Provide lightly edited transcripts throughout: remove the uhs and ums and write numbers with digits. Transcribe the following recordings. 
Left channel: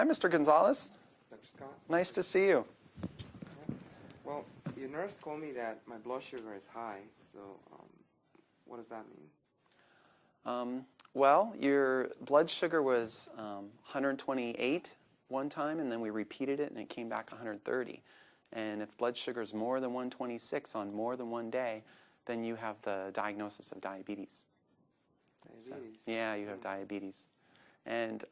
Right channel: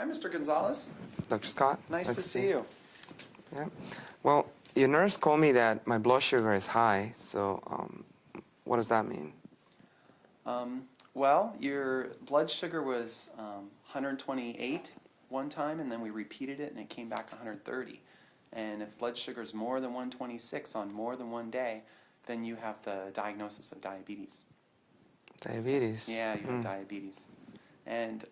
Hi, Mr. Gonzalez. Dr. Scott. Nice to see you. Yeah. Well, your nurse told me that my blood sugar is high, so what does that mean? Well, your blood sugar was 128 one time, and then we repeated it, and it came back 130. And if blood sugar is more than 126 on more than one day, then you have the diagnosis of diabetes. Diabetes? Yeah, you have diabetes. And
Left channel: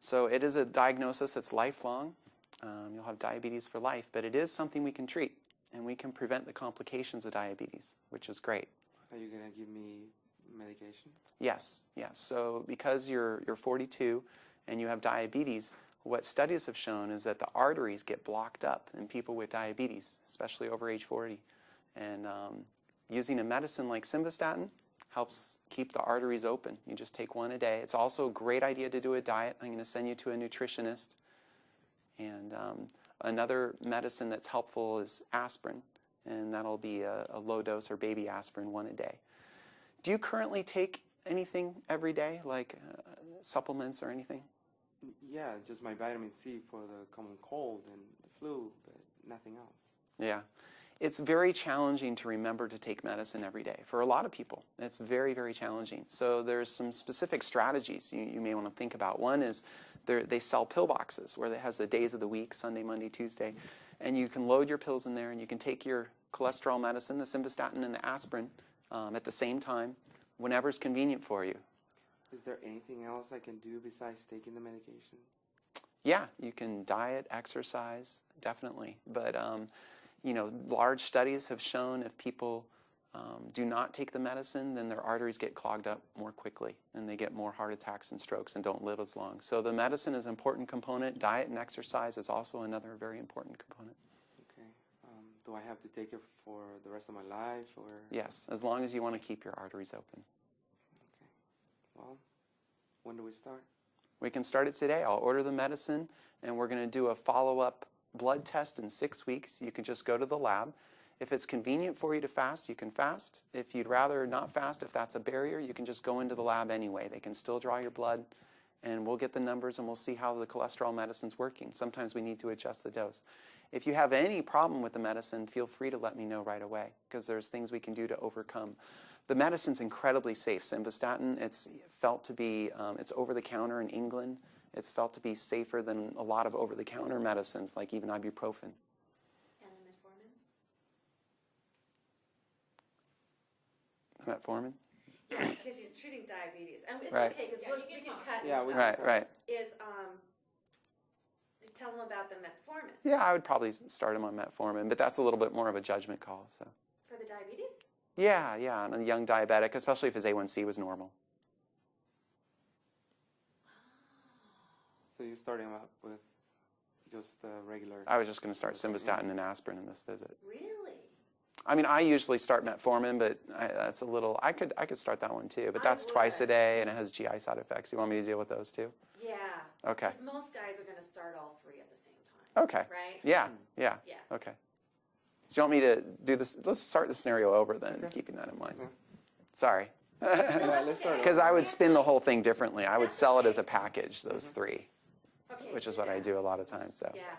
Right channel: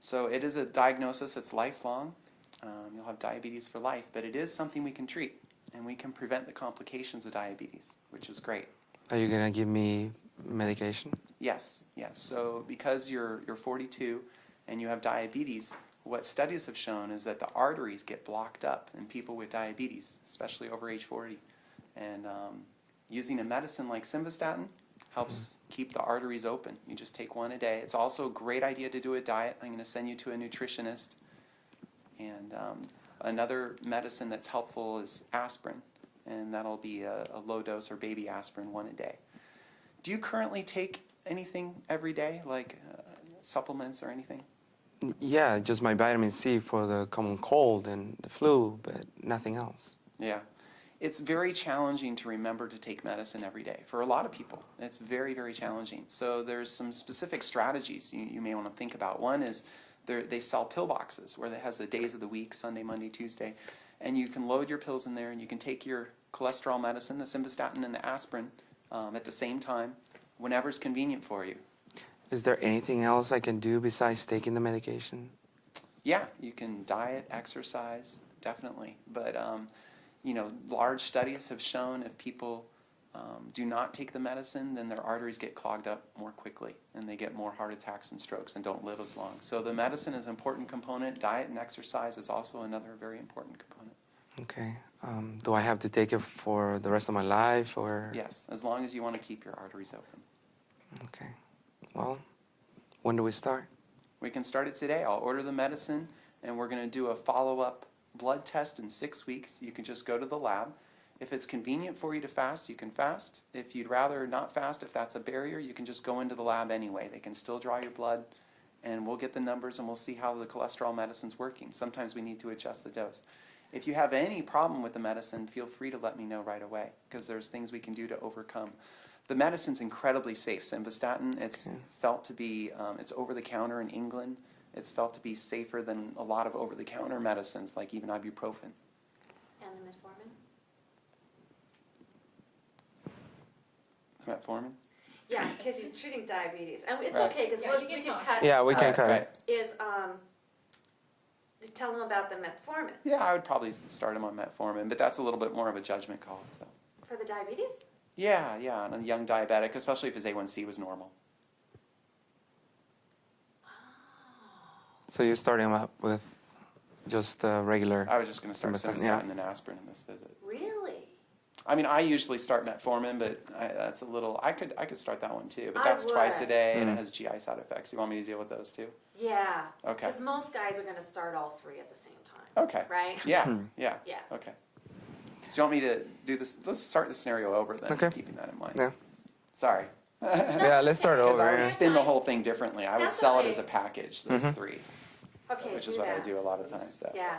so it is a diagnosis that's lifelong. You'll have diabetes for life, but it is something we can treat, and we can prevent the complications of diabetes, which is great. Are you going to give me medication? Yes, yes. So because you're 42 and you have diabetes, what studies have shown is that the arteries get blocked up in people with diabetes, especially over age 40. And using a medicine like simvastatin helps keep the arteries open. You just take one a day. It's also a great idea to do a diet. I'm going to send you to a nutritionist. And another medicine that's helpful is aspirin, and that'll be a low dose or baby aspirin, one a day. Do you currently take anything every day, like supplements or anything? Yeah, just my vitamin C for the common cold and the flu, but nothing else. Yeah. It's very challenging to remember to take medicine every day. For a lot of people, it's very, very challenging. So there's some specific strategies you may want to think about. One is they sell pill boxes where it has the days of the week, Sunday, Monday, Tuesday, and you can load your pills in there, and you can take your cholesterol medicine, the simvastatin and the aspirin, at the same time, whenever it's convenient for you. Is there anything else I can do besides taking the medication? Yeah, you can diet, exercise, definitely. But, you know, large studies have shown if people do not take the medicine, then their arteries get clogged up more quickly, and they get more heart attacks and strokes and don't live as long. So the medicine is an important component. Diet and exercise is also another very important component. Okay. Do I have to take it for the rest of my life, or? Yes, as long as you want to keep your arteries open. Okay. Well, when do we start? We can start it today. I'll order the medicine, and we're going to do a follow-up blood test in 6 weeks. You can just go to the lab. If it's convenient for you to fast, you can fast. If you'd rather not fast, if that's a barrier, you can just go into the lab anyway. They can still draw your blood, and we'll get the numbers, and we'll see how the cholesterol medicine's working. Sometimes we need to adjust the dose. If you have any problem with the medicine, feel free to let me know right away, because there's things we can do to overcome. The medicine's incredibly safe. Simvastatin, it's felt to be, it's over-the-counter in England. It's felt to be safer than a lot of over-the-counter medicines, like even ibuprofen. And the metformin? Metformin? Yeah, because you're treating diabetes. And it's Right. okay, because Yeah, we you can can talk. cut. Yeah, we can cut Right. it. Is, tell them about the metformin. Yeah, I would probably start them on metformin, but that's a little bit more of a judgment call. So. For the diabetes? Yeah, and a young diabetic, especially if his A1C was normal. So you're starting up with just regular... I was just going to start Simvastatin, simvastatin and aspirin in this visit. Really? I mean, I usually start metformin, but that's a little. I could start that one too, but that's twice a day, and it has GI side effects. You want me to deal with those too? Yeah. Okay. Because most guys are going to start all three at the same time. Okay. Right? Yeah. Yeah. Yeah. Okay. So you want me to do this? Let's start the scenario over then, Okay. keeping that in mind. Yeah. Sorry. Yeah, let's start over. Because I would yeah. spin the whole thing differently. I would That's sell it okay. as a package, those three, Okay. which is do what I that. do a lot of times. So. Yeah.